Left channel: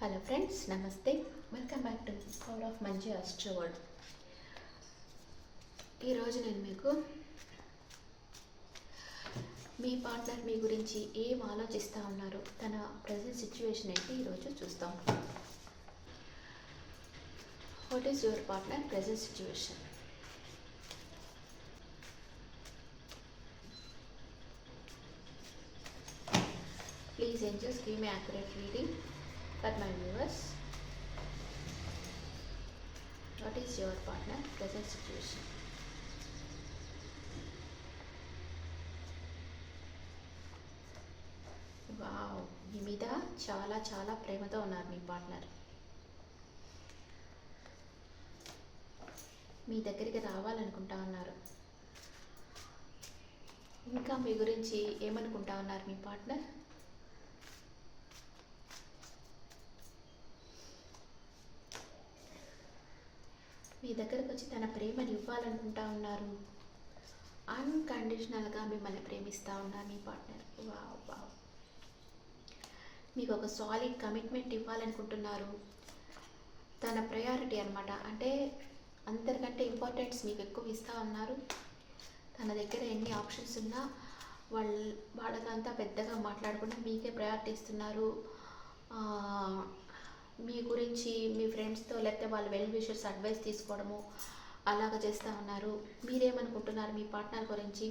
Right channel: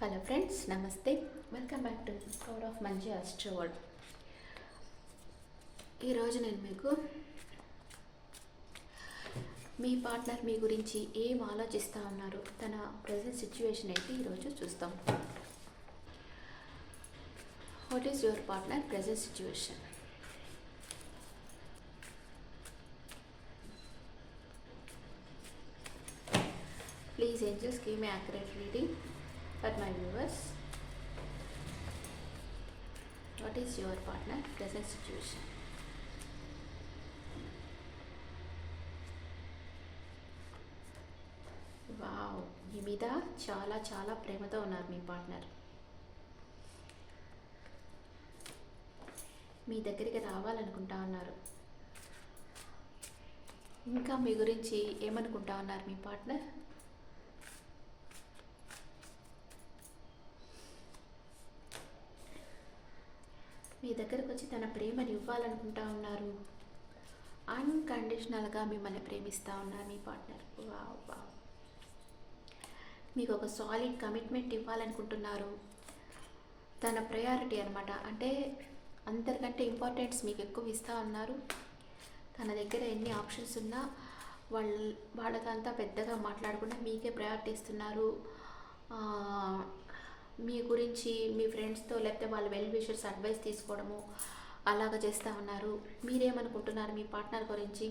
Hello friends, నమస్తే. Welcome back to power of మంచి ఆస్ట్రోవర్డ్. ఈరోజు నేను మీకు మీ పార్ట్నర్ మీ గురించి ఏం ఆలోచిస్తూ ఉన్నారు, తన ప్రజెంట్ సిచ్యువేషన్ ఏంటి ఈరోజు చూస్తాం. What is your partner present situation? Please angels, give me accurate reading for my viewers. What is your partner present situation? Wow, మీ మీద చాలా చాలా ప్రేమతో ఉన్నారు మీ పార్ట్నర్. మీ దగ్గరికి రావాలనుకుంటా ఉన్నారు. ఇంకా మీ గురించి ఏమనుకుంటా ఉన్నారు మీ పార్ట్నర్? మీ దగ్గరకు వచ్చి తన ప్రేమను ఇవ్వాలనుకుంటా ఉన్నారు. అన్కండిషనల్గా మిమ్మల్ని ప్రేమిస్తూ ఉన్నారు మీ పార్ట్నర్. వావ్ వావ్, మీకు ఒక సాలిడ్ కమిట్మెంట్ ఇవ్వాలనుకుంటున్నారు. తన ప్రయారిటీ అనమాట, అంటే అందరికంటే ఇంపార్టెన్స్ మీకు ఎక్కువ ఇస్తూ ఉన్నారు. తన దగ్గర ఎన్ని ఆప్షన్స్ ఉన్నా వాళ్ళకంతా పెద్దగా మాట్లాడకుండా మీకే ప్రయారిటీ ఇస్తున్నారు. మీ గురించి మీ ఫ్రెండ్స్తో లేకపోతే వాళ్ళ వెల్ విషర్స్ అడ్వైస్ తీసుకోవడము అలాగా చేస్తూ ఉన్నారు. మీరేమనుకుంటున్నారు మీ పార్ట్నర్ గురించి?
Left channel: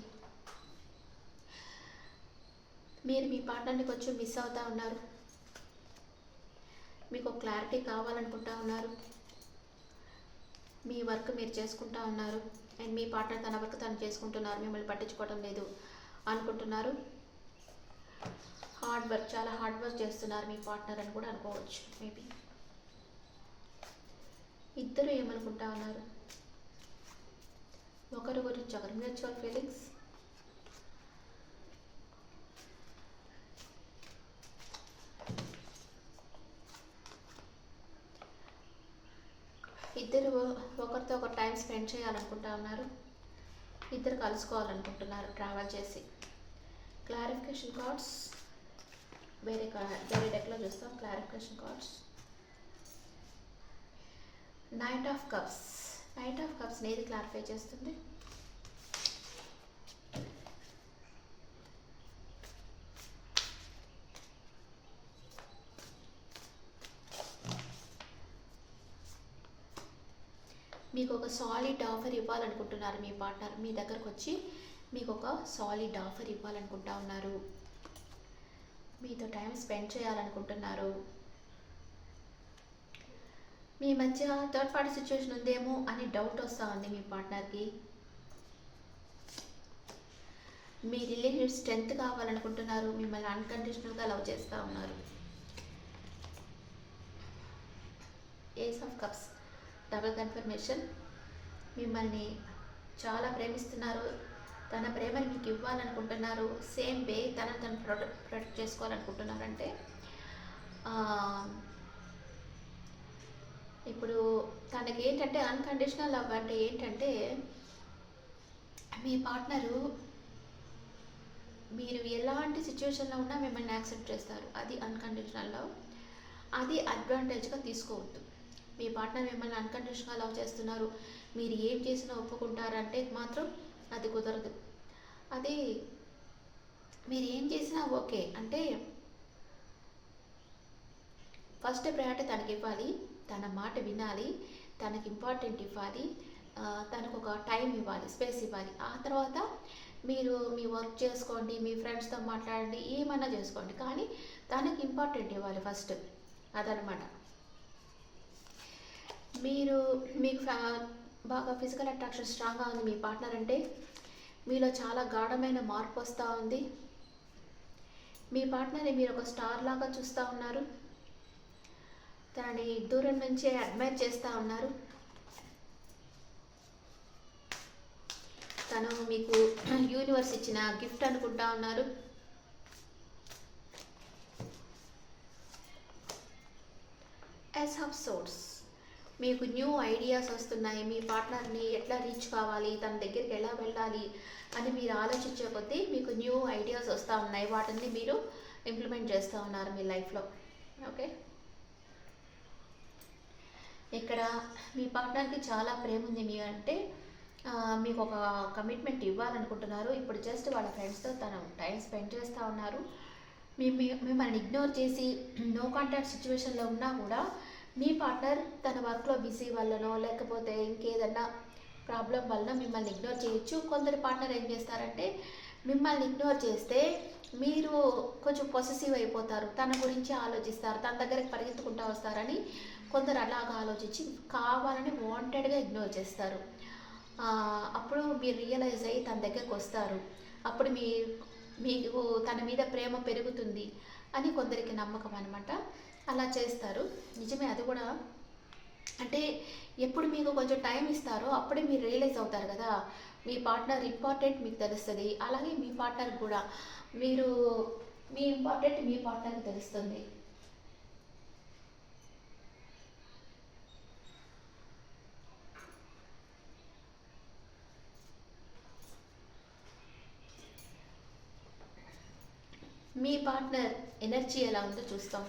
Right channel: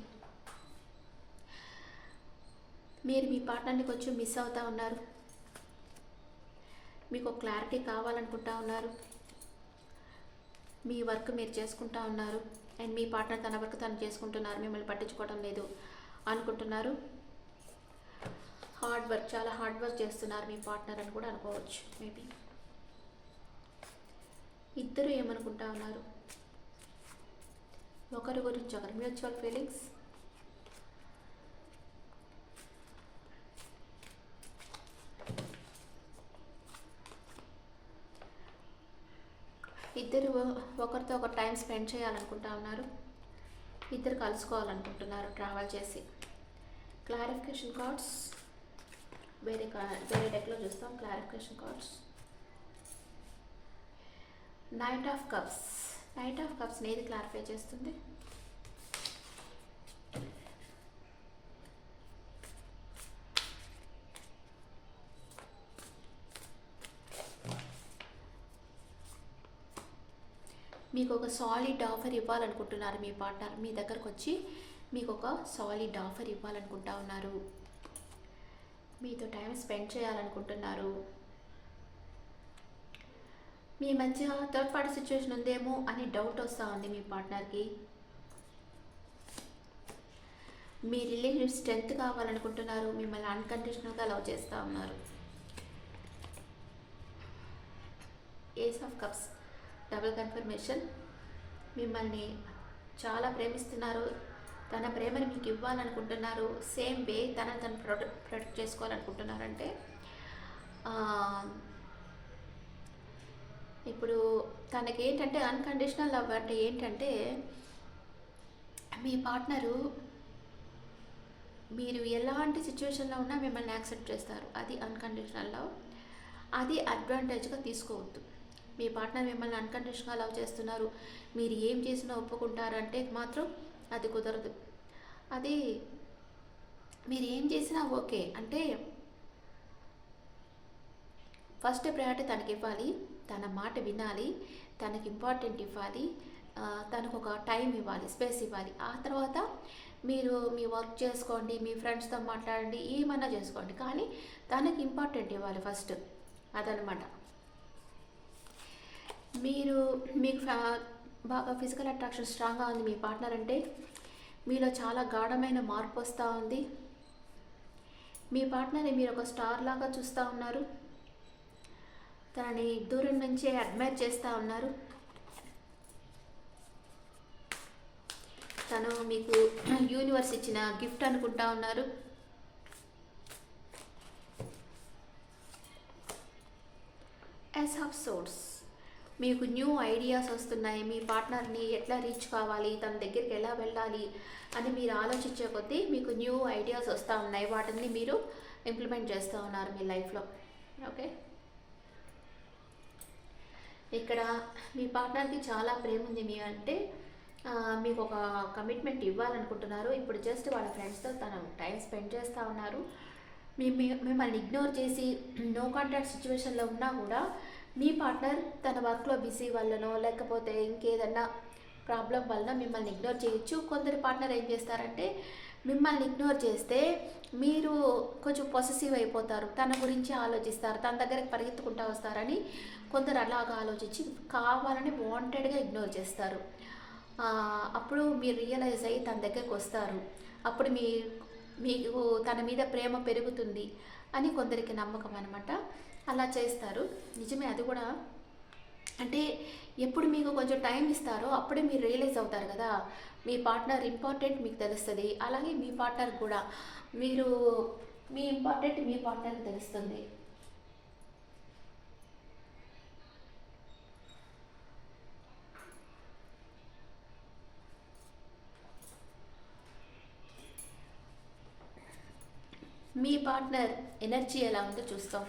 మీరు మీ పార్ట్నర్ని కొంచెం మిస్ అవుతూ ఉన్నారు. మీకు ఒక క్లారిటీ కావాలనుకుంటా ఉన్నారు. మీ వర్క్ మీరు చేసుకుంటా ఉన్నారు అండ్ మీ పార్ట్నర్ తన వర్క్ తను చేసుకుంటున్నారు, మిమ్మల్ని పట్టించుకోవడం లేదు అనుకుంటున్నారు. చాలా హార్డ్ వర్క్ చేస్తున్నారు మీ పార్ట్నర్ అని కూడా అనుకోవచ్చు. మేబీ ఇద్దరు ఏమనుకుంటా ఉన్నారు ఒకరి గురించి ఒకరు, మ్యూచువల్ ఫీలింగ్స్. ఇద్దరు ఒకరితో ఒక టైం స్పెండ్ చేయాలనుకుంటా ఉన్నారు. ఇద్దరు కలుసుకోవాలనుకుంటున్నారు ట్రావెల్ చేసి. క్లారిఫికేషన్ కార్డ్స్ వేరే డెక్లో చూస్తాం. Clarification cards. Knight of cups. Knight of cups ఏది క్లారిఫై చేస్తుంది? మీకు ఒక సాలిడ్ ఆఫర్ ఇవ్వాలనుకుంటున్నారు మీ పార్ట్నర్. మీ దగ్గరకు వచ్చి మీకు ఒక సాలిడ్ ఆఫర్ ఇవ్వాలనుకుంటా ఉన్నారు. మీతో టైం స్పెండ్ చేయాలనుకుంటున్నారు. మీ మధ్య థర్డ్ పార్టీ సిచ్యువేషన్ ఉందేమో అని డౌట్ వస్తూ ఉంది మీ పార్ట్నర్కి. మీ రిలేటివ్ స్ట్రెంత్ కావాలనుకుంటున్నారు. మిమ్మల్ని అన్కండిషనల్గా లవ్ చేస్తూ ఉన్నారు. Ace of cups double confirmation. మిమ్మల్ని చాలా ప్రేమిస్తున్నారు. తన ప్రేమని మీకు ఇవ్వాలనుకుంటున్నారు. సేమ్ వే తను ప్రొటెక్ట్ చేసుకోవాలనుకుంటున్నారంటే ఇప్పుడు తనకి ఏంటంటే అన్కండిషనల్ లవ్ అంటే ఏంటంటే మీ పార్ట్నరు మీరు ఎలాంటి సిచ్యువేషన్లో ఉన్నా మిమ్మల్ని యాక్సెప్ట్ చేస్తారు. అది అన్కండిషనల్ లవ్. అది అడ్వాంటేజ్గా తీసుకోవద్దు. మీ పార్ట్నర్ మిమ్మల్ని అన్కండిషనల్గా లవ్ చేస్తున్నారు, మీరు ఏం చేసినా ఒప్పుకుంటారంటే మాత్రం అది కుదరదు. అది మీరు ఏం చేసినా ఓకే అంటే ఫస్ట్ ప్రయారిటీ తనకి ఇవ్వాలి, తన మాట వినాలి, తనకి ఇంపార్టెంట్ ఇవ్వాలి, తనకు ఒక టైం ఇవ్వాలి, స్పేస్ ఇవ్వాలి. ఆ తర్వాత మీరు మీ వర్క్ చేసుకోండి, మీ ఫ్రెండ్స్తో మాట్లాడండి, ఏమన్నా చేసుకోండి, కానీ తనకి ఇంపార్టెంట్ ఇవ్వాలి ఫస్ట్. అదనమాట. మీకు బాగా ఫిజికల్ అట్రాక్షన్ స్ట్రాంగ్గా ఉంది మీ పార్ట్నర్ అంటే మీలో చాలా గాఢమైన మార్పు వస్తూ ఉంది. మీ పార్ట్నర్ని మీరు ఒక స్టార్ లాగా చూస్తూ ఉన్నారు. తనని దూరం నుంచే అడ్మైర్ చేస్తూ ఉన్నారు. తను మీకు యూనివర్స్ ఇచ్చిన గిఫ్ట్ అనుకుంటా ఉన్నారు. Ace of swords. మీకు న్యూ ఐడియాస్ వస్తున్నాయి. మీ పార్ట్నర్ని ఎట్లా రీచ్ కావాలి, తన దగ్గరికి ఎలా వెళ్ళాలి అని మీరు ఆలోచించే కొద్దీ మీకు న్యూ ఐడియాస్ వస్తూ ఉన్నాయి. వాటిని మీరు ఇంప్లిమెంట్ చేస్తూ ఉన్నారు మీ లైఫ్లో. ఓకే, ఇక్కడ మీ పార్ట్నర్కి చాలా ప్రేమ ఉంది మీ అంటే మీకు ఒక కమిట్మెంట్ ఇవ్వాలనుకుంటున్నారు. ఇప్పుడు జస్ట్ వాళ్ళ ఫ్రెండ్స్తో తను టైం స్పెండ్ చేస్తూ ఉన్నారు. మిమ్మల్ని ఇగ్నోర్ చేసి నో కాంటాక్ట్ సిచ్యువేషన్లో ఉన్నా కూడా మీ పార్ట్నర్ తన వర్క్లో బిజీ వల్లనో లేకపోతే ఇంకేదన్నా ప్రాబ్లం వలన మిమ్మల్ని ఇగ్నోర్ చేయొచ్చు. కొందరి పార్ట్నర్ ఏం చేస్తారంటే మిమ్మల్ని ఇగ్నోర్ చేస్తే మీరు కొంచెం పొసెసివ్ అయిపోతారు, తన గురించి ఆలోచిస్తారు, తన దగ్గరికి పరిగెత్తుకుంటూ వస్తారని కొందరు అలాగా ఆలోచించి కావాలని వాంటెడ్గా ఇగ్నోర్ చేస్తారు. అప్పుడు మీరు రియలైజ్ అయ్యి తన దగ్గరికి వస్తారు. అప్పుడు మీకు తన మీద ప్రేమ పెరుగుతుంది అని కొందరికి నమ్మకం అనమాట. అలా చేస్తారు. నిజమే, అది కూడా. అంటే ఎప్పుడు మీకు కొంచెం టైం ఇస్తారో అప్పుడే మీరు రియలైజ్ అవుతారు కదా మీ పార్ట్నర్ ఇంపార్టెంట్ మీకు తెలుస్తుంది. అలాగే మీ పార్ట్నర్ కూడా మీ ఇంపార్టెంట్ మీ పార్ట్నర్కి తెలుస్తుంది. మీ పార్ట్నర్ ఎనర్జీ ఎలా ఉందో చూస్తాం.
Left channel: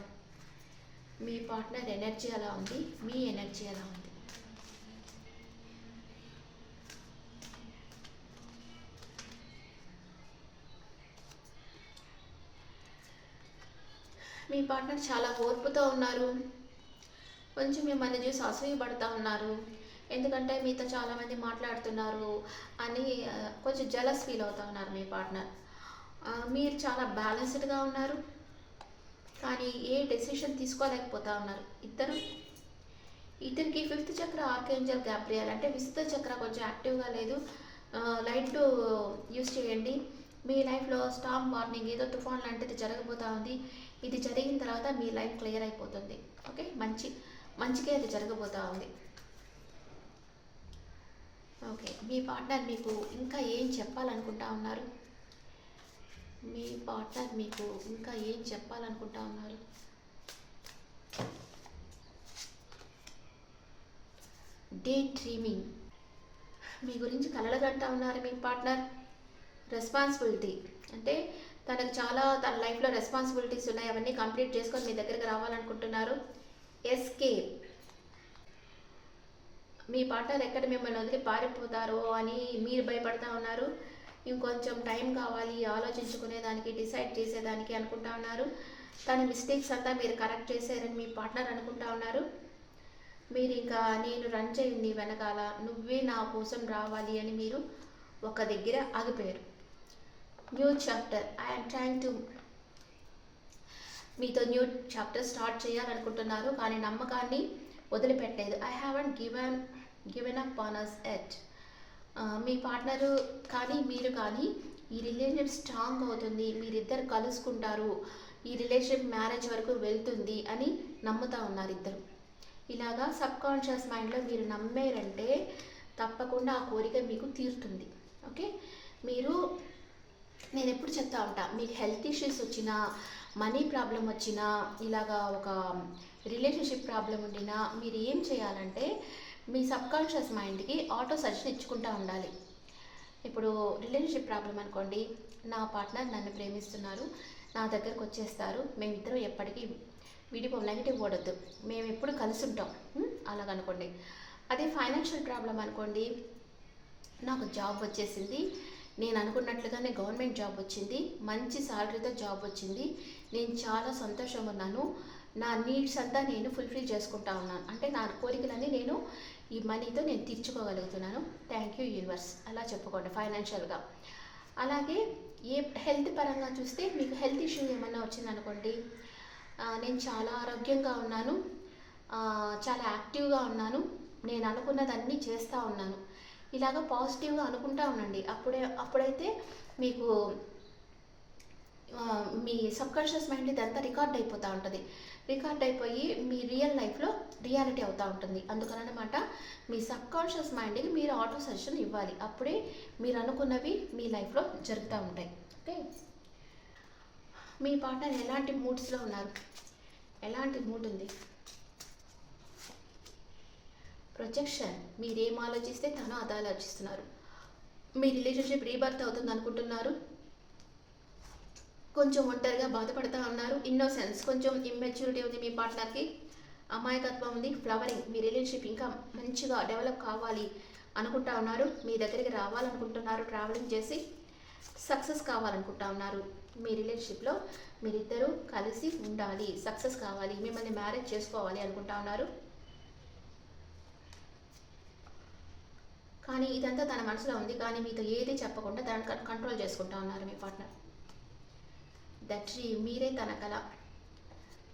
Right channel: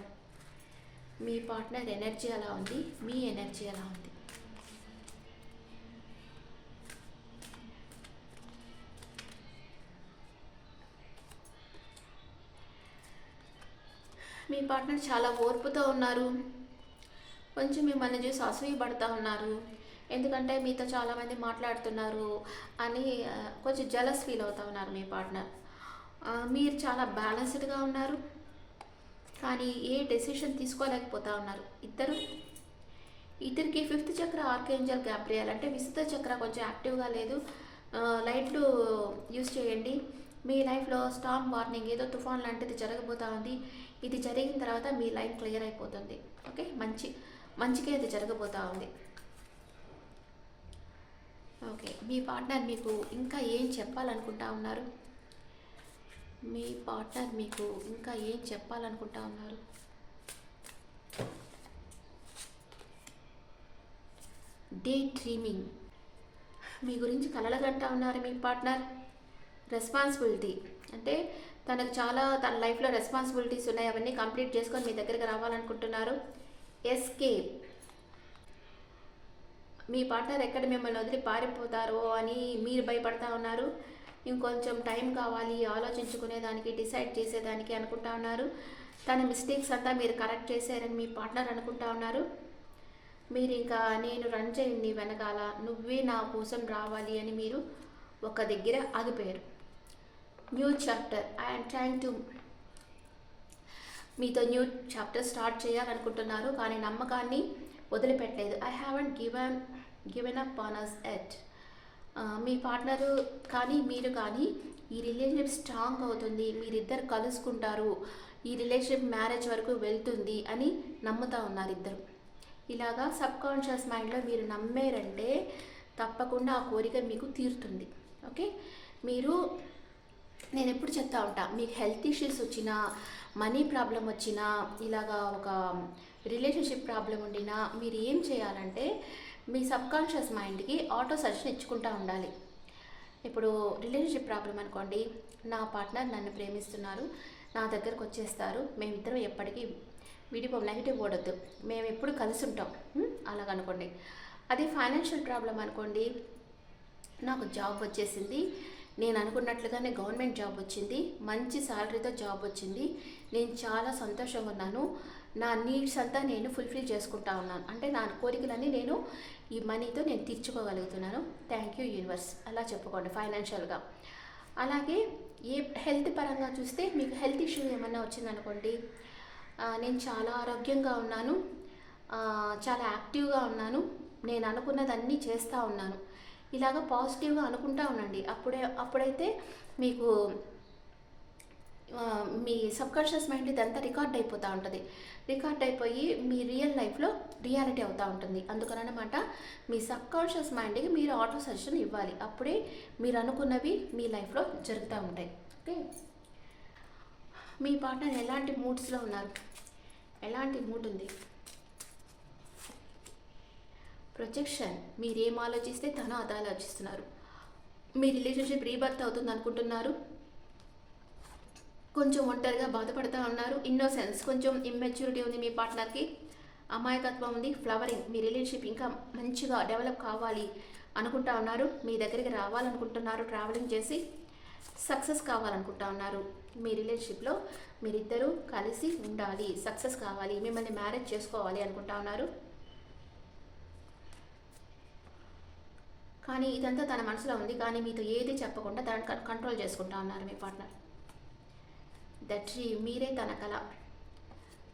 మీ పార్ట్నర్ ఎనర్జీ ఎలా ఉంది, మీ ఎనర్జీ ఎలా ఉంది. మీ పార్ట్నర్ చాలా ఓర్పుతో ఉన్నారు. కొంచెం మిమ్మల్ని చూసి అసూయపడుతూ ఉన్నారు. ఎందుకంటే మీతో చాలామంది మాట్లాడుతున్నారు అని కొంచెం జలస్ ఫీల్ అవుతూ ఉన్నారు మీ పార్ట్నర్. మీరు చాలా బ్యాలెన్స్డ్గా ఉన్నారు కానీ ఏ డెసిషన్ తీసుకోలేకపోతూ ఉన్నారు. ఇద్దరికి ఫిఫ్త్ చక్ర ఆర్కేంజల్ గ్యాబ్రియల్ అంటే విశుద్ధ చక్ర కొంచెం యాక్టివ్గా లేదు. లైట్ యూజ్ చేయండి. మీ లైఫ్లో స్టార్మ్ వార్నింగ్, ఏదో తుఫాన్ లాంటిది జరగబోతూ ఉంది. ఇది జరిగిన తర్వాత మీ లైఫ్ క్లియర్ అయిపోతుంది. ఓకే, మంచిగా ఇది జరగబోతూ ఉంది. ఓకే, మీ పార్ట్నర్ మీకు ఇంకా ఏం చెప్పాలనుకుంటా ఉన్నారు? మీ పార్ట్నర్ మీకు ఇంకా ఏం చెప్పాలనుకుంటా ఉన్నారు? డే డ్రీమింగ్, మీ గురించి కలలుగంటా ఉన్నారు మీ పార్ట్నర్. రెస్పాన్సిబిలిటీ అంటే తన లైఫ్లో రెస్పాన్సిబిలిటీస్ ఉన్నాయి, అవన్నీ కంప్లీట్ చేసుకొని మీ దగ్గరికి రావాలనుకుంటున్నారు. ఎస్కేప్, మీ పార్ట్నర్ ఎక్కడ మిమ్మల్ని వదిలి పారిపోతారో అని మీరు భయపడతా ఉన్నారు. ఇంకొంచెం టైం కావాలి ఆలోచించుకునేదానికి, డిసైడ్ చేసేదానికి అనుకుంటా ఉన్నారు. తన మిస్టేక్స్ అంతా మీరు కరెక్ట్ చేశారని మీ పార్ట్నర్ అనుకుంటా ఉన్నారు. మీరు ఇంకా నేను రన్ చేయండి వెనకాల, నువ్వే నా కోసం రావాలి అని మీరు ఒక దగ్గర ఆగిపోయారు. New chapter, I'm trying to మీతో న్యూ చాప్టర్ స్టార్ట్ చేయాలనుకుంటున్నారు కానీ నమ్మకాన్ని వదిలిపెట్టలేదు. I haven't given up on us yet. మీ పార్ట్నరు కానీ మీరు కానీ ఈ రిలేషన్షిప్ స్ట్రాంగ్ అవుతుంది, మీరిద్దరు కలుసుకుంటారు, ఈ రిలేషన్షిప్ మ్యారేజ్ వరకు వెళ్తుంది అని నమ్ముతూ ఉన్నారు ఇద్దరు. ఇలాగా సబ్కాన్షియస్ మైండ్లో మీరు నమ్మారంటే తప్పకుండా ఆ కోరిక మీకు తీరుతుంది. ఓకే, నేను ఎప్పుడు చెప్తా ఉంటా, మీకు హెల్త్ ఇష్యూస్ వచ్చినా, మనీ ప్రాబ్లం వచ్చినా, ఇలాగా ఒక రిలేషన్షిప్ ప్రాబ్లం ఉండినా మీరు ఏం చేయాలంటే మీ సబ్కాన్షియస్ మైండ్కి ఆటో సజెషన్ ఇచ్చుకుంటూ ఉండాలి. ఇప్పుడు రిలేషన్షిప్ ప్రాబ్లం అనుకోండి, నా పార్ట్నర్ నన్ను ప్రేమిస్తున్నారు, నా దగ్గరకు వచ్చేస్తారు, మేమిద్దరం ఎప్పటికీ నెగిటివ్ ఓడొద్దు, మేము ఎప్పుడు కలిసి ఉంటాం అలాగనుకోండి. అదే ఫైనాన్షియల్ ప్రాబ్లం అనుకోండి, నాకు జాబ్ వచ్చేసింది, నేను అనుకున్నట్లుగానే గవర్నమెంట్ జాబ్ వచ్చింది, మంచి శాలరీతో జాబ్ వచ్చింది, నేను చాలా సంతోషంగా ఉన్నాను, నా నీడ్స్ అంతా నేను ఫుల్ఫిల్ చేసుకుంటా ఉన్నాను, అంటే నా కోరికలన్నీ నేను ఈ మనీతో నేను తీర్చుకోగలుగుతున్నాను, థ్యాంక్ యూ యూనివర్స్, అలా చెప్పుకోండి ఫైనాన్షియల్గా. అలాగే హెల్త్ పరంగా చూస్తే మీకు హెల్త్ ఇష్యూ ఏమైనా వచ్చిందనుకోండి, నేను చాలా ఆరోగ్యంగా ఉన్నాను, చాలా యాక్టివ్గా ఉన్నాను, నేను అనుకున్నదన్నీ చేస్తూ ఉన్నాను, ఇలాగ పాజిటివ్గా అనుకుంటా ఉండండి. అప్పుడైతే మీకు మీ సబ్కాన్షియస్ మైండ్ ఇదంతా రికార్డ్ అయిపోతూ ఉంటుంది. రికార్డ్ అయిపోయి మీ రియల్ లైఫ్లో రియాలిటీ అవుతూ ఉంటుంది. అందుకనమాట మీ సబ్కాన్షియస్ మైండ్కి మీరు ఆటో సజెషన్ ఇవ్వాలి, అప్పుడే మీరు అనుకున్నవి మీ లైఫ్లో జరుగుతూ ఉంటాయి. ఓకే, మీ పార్ట్నర్ ఎలాంటి మూడ్స్లో ఉన్నారు, ఎలాంటి మూడ్ ఉంది? ప్రొజెక్షన్, మీరేం ఆలోచిస్తే తను అదే ఆలోచిస్తున్నారు. మీ రిలేషన్షిప్ రీబర్త్ అవుతుంది అనుకుంటున్నారు, కొంచెం ఒంటరిగా బాధపడుతూ ఉన్నారు. ఇన్నోసెన్స్, కొంచెం ఇమ్మెచ్యూరిటీ ఉంది మీ పార్ట్నర్కి. అమాయకత్వం ఉంది, ఫ్లవరింగ్. మీ రిలేషన్షిప్ ఇంకా మంచిగా డెవలప్ కావాలి అనుకుంటా ఉన్నారు. మీ దగ్గరికి రావాలనుకుంటున్నారు, ట్రావెలింగ్ చేసి సక్సెస్ కావాలనుకుంటా ఉన్నారు. మీ రిలేషన్షిప్లో మీరిద్దరూ కలిసి ఉండాలి, సక్సెస్ కావాలి, మిమ్మల్ని మ్యారేజ్ చేసుకోవాలి అనుకుంటా ఉన్నారు. కానీ ఇదంతా తన మనసులో ఉంది, కానీ మీతో ఏది చెప్పకుండా దాన్ని కంట్రోల్ చేసుకుంటా ఉన్నారు మీ పార్ట్నర్. దట్ మీరే తన కళ,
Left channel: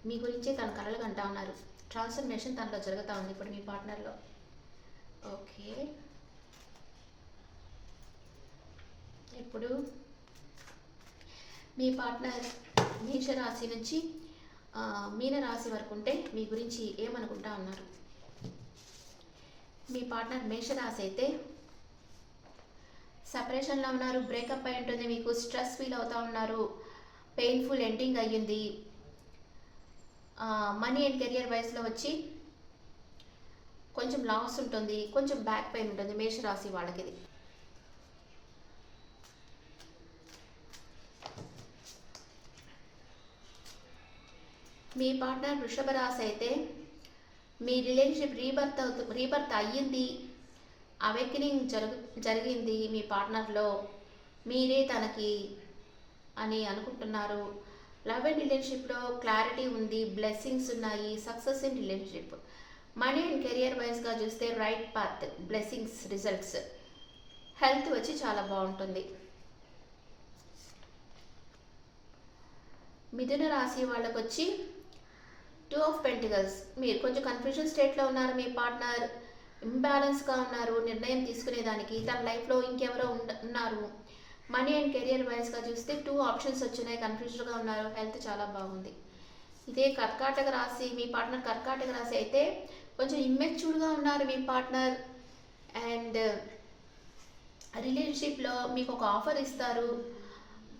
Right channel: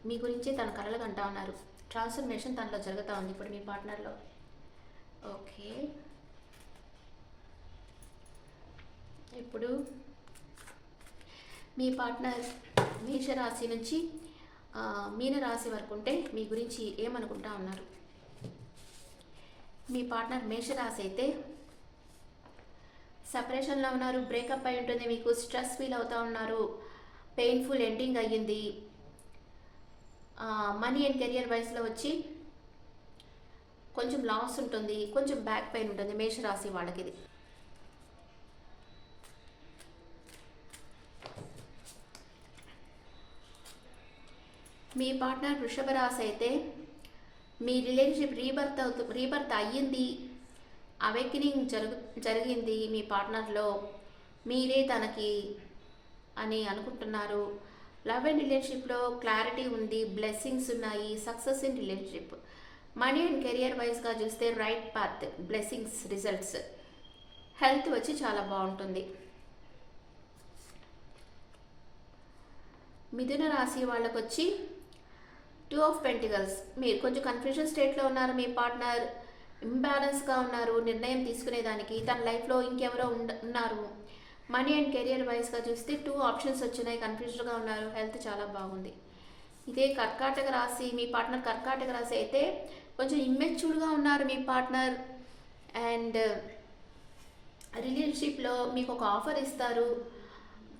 మీ గురించే తన కళలు కంటా ఉన్నారు. ట్రాన్స్ఫర్మేషన్ తనలో జరుగుతూ ఉంది ఇప్పుడు మీ పార్ట్నర్లో. ఓకే, ఇప్పుడు మీ పార్ట్నర్ మేషరాశి నుంచి మీనరాశి వరకు ఉంటే మీ గురించి ఏమనుకుంటా ఉన్నారు? మీ పార్ట్నర్ మేషరాశి అయితే సెపరేషన్లో ఉన్నారు, బ్రేకప్ అయి ఉంటుంది, మీకు స్ట్రెస్ ఫీల్ అవుతూ ఉన్నారు, పెయిన్ఫుల్ ఎండింగ్ అయ్యింది. మనీ అండ్ కెరియర్ వైస్లో వచ్చి కొంచెం లాస్ ఉంటుంది, కొంచెం బ్యాక్ పెయిన్ ఉంటుంది మేషరాశి వాళ్ళకి. ఇది మీ పార్ట్నర్ వృషభ రాశి అయితే మీ రిలేషన్షిప్ రీబర్త్ అయ్యింది, అవేకనింగ్ జరిగింది మీ పార్ట్నర్లో, మీరే తనకి అని అనుకుంటున్నారు. లవ్ అండ్ రిలేషన్షిప్లో క్లారిటీ ఉంది, బ్లెస్సింగ్స్ ఉన్నాయి, success in relationship. Money and career వైజ్గా చూస్తే right path, blessings, results. Health వచ్చి చాలా బాగుంటుంది. మిథున రాశి వాళ్ళకు వచ్చి 2 ఆఫ్ పెంటికల్స్. మీరు కొంచెం కన్ఫ్యూజన్ స్టేట్లో ఉన్నారు, మీ పార్ట్నర్ ఇంబ్యాలెన్స్గా ఉన్నారు నిర్ణయం తీసుకునేదానికి, తన లైఫ్లో ఇంకెవరో ఉన్నారు. మనీ అండ్ కెరియర్ వైజ్గా చూస్తే 2 ఆప్షన్స్ వచ్చినాయి, కన్ఫ్యూజ్డ్గా ఉన్నారు. హెల్త్ చాలా బాగుంది. ఇదే కర్కాటక రాశి, మీ పార్ట్నర్ కర్కాటక రాశి అయితే కొంచెం ఇమ్మెచ్యూర్డ్గా ఉన్నారు మీ పార్ట్నర్. అండ్ రిలేషన్షిప్లో మీకు ఒక ఆఫర్ ఇస్తారు,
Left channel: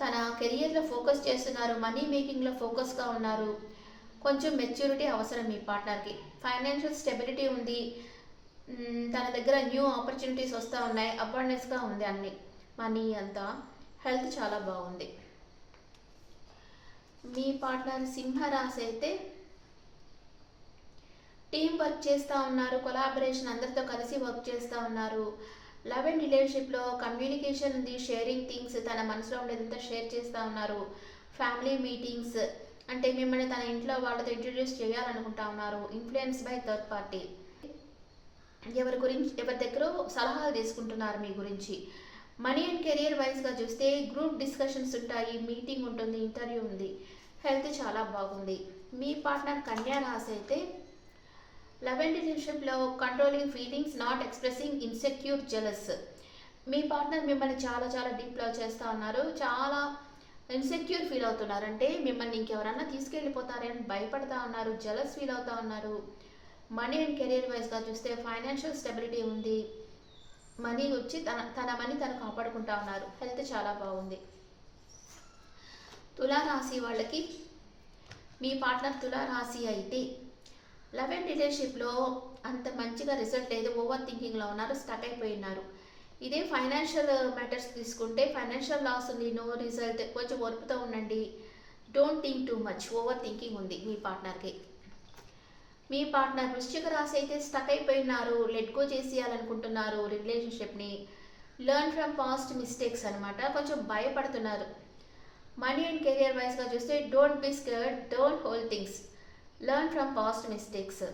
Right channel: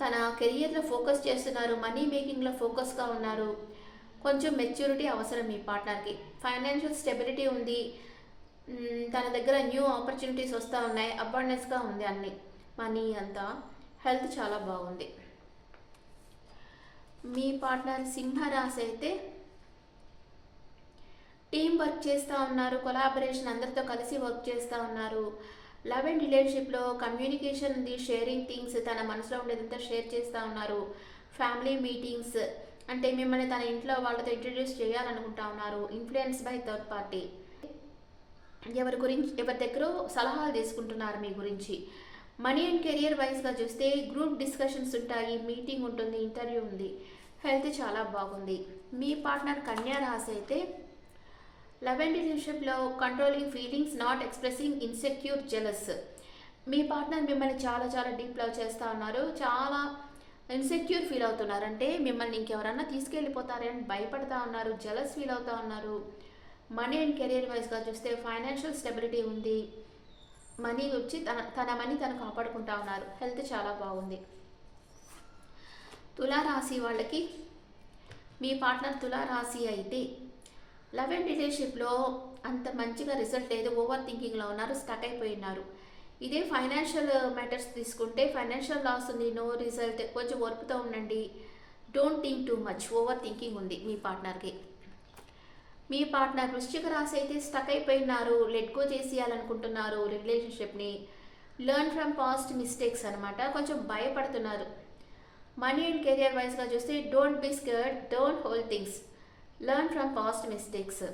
తన కెరియర్లో ఫోకస్ చేస్తున్నారు, మనీ మేకింగ్లో ఫోకస్గా ఉన్నారు. కొంచెం మెచ్యూరిటీ అవసరం మీ పార్ట్నర్కి. ఫైనాన్షియల్ స్టెబిలిటీ ఉంది, తన దగ్గర న్యూ ఆపర్చునిటీస్ వస్తూ ఉన్నాయి, అబాండెన్స్గా ఉంది అన్ని, మనీ అంతా. హెల్త్ చాలా బాగుంది. మీ పార్ట్నర్ సింహరాశి అయితే టీం వర్క్ చేస్తూ ఉన్నారు, కొలాబరేషన్, అందరితో కలిసి వర్క్ చేస్తూ ఉన్నారు. లవ్ అండ్ రిలేషన్షిప్లో కమ్యూనికేషన్ ఉంది, షేరింగ్ థింగ్స్, తన మనసులో ఉండేదంతా షేర్ చేస్తూ ఉన్నారు. ఫ్యామిలీ మీటింగ్స్, అంటే మిమ్మల్ని తన ఇంట్లో వాళ్ళతో ఇంట్రడ్యూస్ చేయాలనుకుంటా ఉన్నారు. ఇన్ఫ్లుయెన్స్ బై థర్డ్ పార్టీ, ఎవరి దగ్గర సలహాలు తీసుకుంటున్నారు మీ గురించి. మనీ అండ్ కెరియర్ వైజ్గా చూస్తే గ్రూప్ డిస్కషన్స్ ఉంటాయి, మీటింగ్ ఉంటుంది, ఇంటర్వ్యూ ఉంది. హెల్త్ చాలా బాగుంది. మీ పార్ట్నర్ కన్యా రాశి అయితే లవ్ అండ్ రిలేషన్షిప్లో controlling feelings, not expressing, insecure, jealous. Me partner మిమ్మల్ని చాలా చాలా డీప్ లవ్ చేస్తూ ఉన్నారు, చాలా ఇన్సెక్యూర్ ఫీల్ అవుతున్నారు, అంటే మిమ్మల్ని ఇంకెవరన్నా తీసుకెళ్ళిపోతారని భయపడతా ఉన్నారు, జెలస్ ఫీల్ అవుతూ ఉన్నారు. మనీ అండ్ కెరియర్ వైజ్గా చూస్తే ఫైనాన్షియల్ స్టెబిలిటీ ఉంది, మనీ వచ్చి తన మనీ తను కాపాడుకుంటా ఉన్నారు. హెల్త్ చాలా బాగుంది. తులారాశి వాళ్ళకి, మీ పార్ట్నర్ తులారాశి అయితే లవ్ అండ్ రిలేషన్షిప్లో అంత మంచిగా రిజల్ట్ లేదు, ఓవర్ థింకింగ్లో ఉన్నారు, స్టక్ అయిపోయినారు. ఇదే ఫైనాన్షియల్ మ్యాటర్స్ తీసుకుంటే ఫైనాన్షియల్ లాస్ ఉంది, నో రిజల్ట్, కొంచెం ఓర్పుతో ఉండండి, don't think too much, over thinking ఉంది మీ పార్ట్నర్కి. మీ పార్ట్నర్ వృశ్చిక రాశి అయితే స్టక్ అయిపోయినారు, లెట్ గో చేసేయాలనుకుంటున్నారు రిలేషన్షిప్ని. లెర్న్ ఫ్రమ్ పాస్ట్ మిస్టేక్స్ అనమాట, కొంచెం భయపడుతున్నారు. మనీ అండ్ కెరియర్ వైజ్గా చూస్తే don't be scared, don't hold things, learn from past mistakes.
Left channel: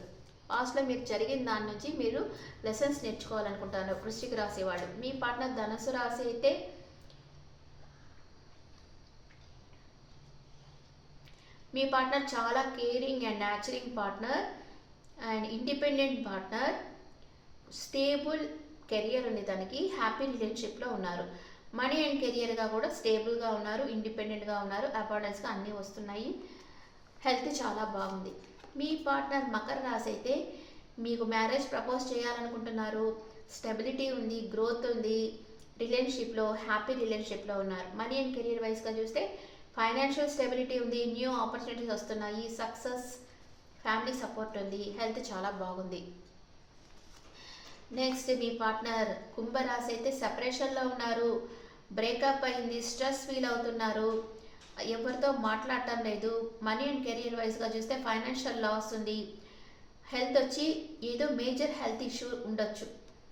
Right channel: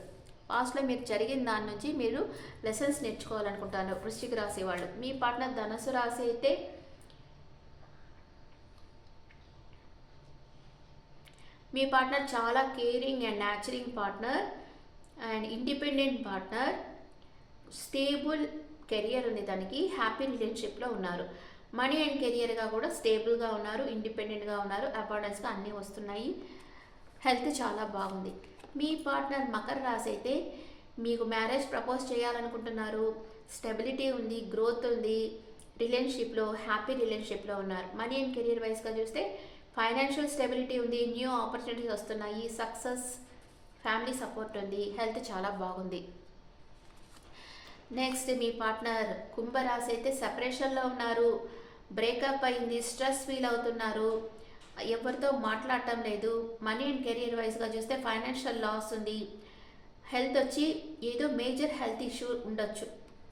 పాస్ట్లో మీకు జరిగిన దాని నుంచి మీరు లెసన్స్ నేర్చుకోవాలనుకుంటారు వృశ్చిక రాశి వాళ్ళు. మీ పార్ట్నర్ ధనుసు రాశి అయితే మీ పార్ట్నర్ చాలా caring and nurturing partner and independent partner, stable career ఉంది తనకి, హ్యాపీ రిలేషన్షిప్లో ఉన్నారు. మనీ అండ్ కెరియర్గా కూడా స్టేబుల్గా ఉన్నారు, ఇండిపెండెంట్గా ఉన్నారు, అబాండెన్స్గా అన్నీ వస్తున్నాయి. హెల్త్ చాలా బాగుంది. మీ పార్ట్నర్ మకర రాశి అయితే మీకు మ్యారేజ్ ప్రపోజ్ చేయాలనుకుంటున్నారు, స్టెబిలిటీ ఉంది, గ్రోత్ ఉంది, రిలేషన్షిప్లో హ్యాపీ రిలేషన్షిప్లో ఉన్నారు. మనీ అండ్ కెరియర్ వైజ్గా చూస్తే ఫైనాన్షియల్ స్టెబిలిటీ ఉంది, న్యూ ఆపర్చునిటీస్ వస్తున్నాయి, సక్సెస్, ఫ్యామిలీ సపోర్ట్ ఉంది. హెల్త్ చాలా బాగుంది. నెక్స్ట్ మీ పార్ట్నర్ కుంభరాశి అయితే సెపరేషన్లో ఉన్నారు, బ్రేకప్ అయింది, స్ట్రెస్ ఫీల్ అవుతున్నారు, ఎవరితో మాట్లాడటం లేదు. మనీ అండ్ కెరియర్ వైజ్గా చూస్తే ఫైనాన్షియల్ లాస్ ఉంది, హెల్త్ వచ్చి ఏదో మేజర్ హెల్త్ ఇష్యూ ఉండొచ్చు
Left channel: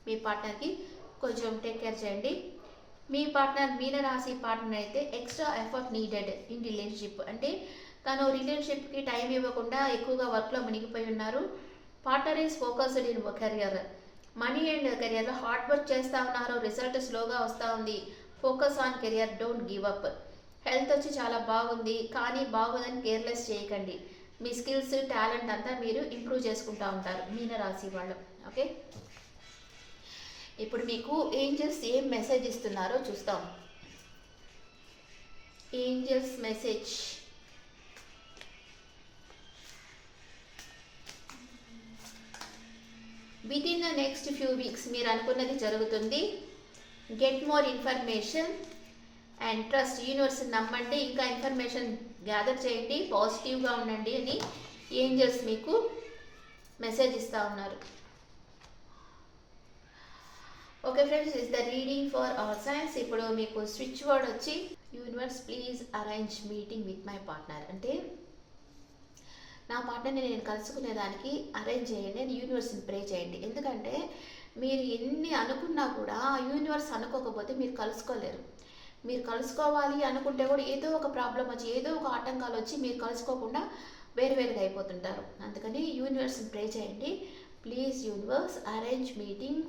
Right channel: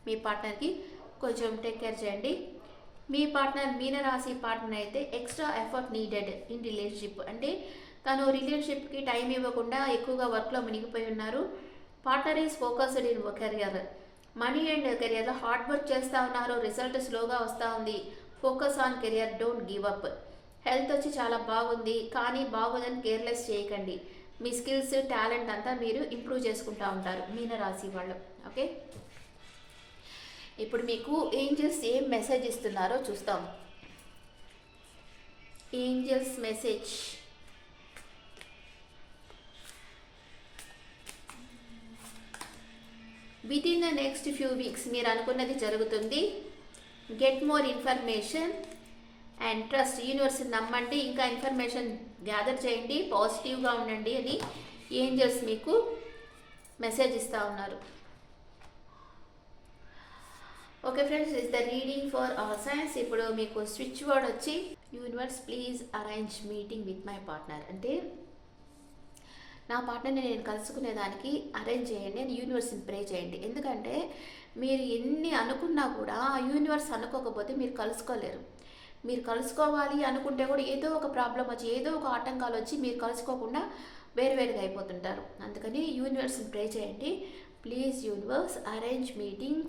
మీ పార్ట్నర్కి, కొంచెం టేక్ కేర్ చేయండి. మీ పార్ట్నర్ మీనరాశి పార్ట్నర్ అయితే extra effort needed in relationship, అంటే తను రిలేషన్షిప్కి టైం ఇవ్వకుండా ఎక్కువగా వర్క్లో మునిగిపోయి ఉన్నారు. Partner is focused in career, money and కెరియర్లో హార్డ్ వర్క్ చేస్తూ ఉన్నారు, రిజల్ట్ స్లోగా వస్తూ ఉంది. Focus on career, don't give up. Health వచ్చి చాలా బాగుంది, కానీ బాగుందని కేర్లెస్ చేయకండి. మీ స్కిల్స్ టాలెంట్ అంతా మీరు ఇంప్రూవ్ చేసుకుంటూ ఉంటారు మీనరాశి వాళ్ళు. ఓకే, ఇప్పుడు మీకు ఏంజల్స్ ఏం మెసేజ్ ఇస్తున్నారో చూస్తాం. Angels message. With in the next few weeks మీరు అనుకున్నది జరుగుతుంది. Get more information and trust. Universe నమ్మండి, ఇంకా ఇన్ఫర్మేషన్ గ్యాదర్ చేయండి, పాజిటివ్గా ఉండండి అని ఏంజల్స్ మీకు మెసేజ్ ఇస్తూ ఉన్నారు. Okay friends, is the reading for hour science. ఇప్పుడు మీకు స్విచ్ వర్డ్ వచ్చి universe please arrange meeting with my partner, అంటే నా పార్ట్నర్ని నేను కలుసుకునేదానికి అరేంజ్ చేయండి అని యూనివర్స్ని ప్రే చేయండి. ఎందుకంటే మీరు ఎన్ని అనుకున్నా కూడా యూనివర్స్ అనుకోకపోతే మీరు కలుసుకోలేరు. మీరు కలుసుకోవాలి అనుకుంటే కూడా ఏదో ఒక ప్రాబ్లం వచ్చి, ఏదో ఒక ఆటంకాలు వచ్చి మీరు కలుసుకోకుండా వేరువేరుగా అయిపోతుంటారు. అందుకని యూనివర్స్ని ప్రే చేయండి. Please universe arrange meeting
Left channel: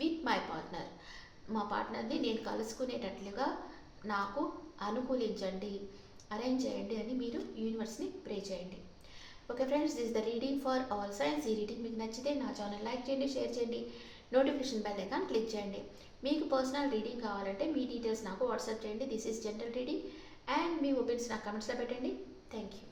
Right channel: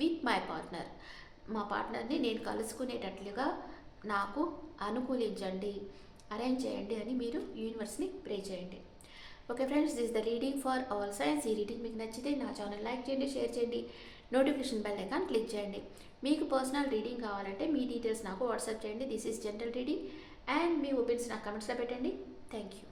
with my partner, మా పార్ట్నర్ని నేను కలుసుకునేటట్లుగా నాకు అనుకూలించండి, అరేంజ్ చేయండి అని మీరు యూనివర్స్ని ప్రే చేయండి. Okay friends, this the reading for all science. ఈ రీడింగ్ మీకు నచ్చితే నా ఛానల్ లైక్ చేయండి, షేర్ చేయండి, నోటిఫికేషన్ బెల్ ఐకాన్ క్లిక్ చేయండి. మీకు పర్సనల్ రీడింగ్ కావాలంటే మీ డీటెయిల్స్ నాకు వాట్సాప్ చేయండి. This is general reading and me opinions నాకు కమెంట్స్లో పెట్టండి. Thank you.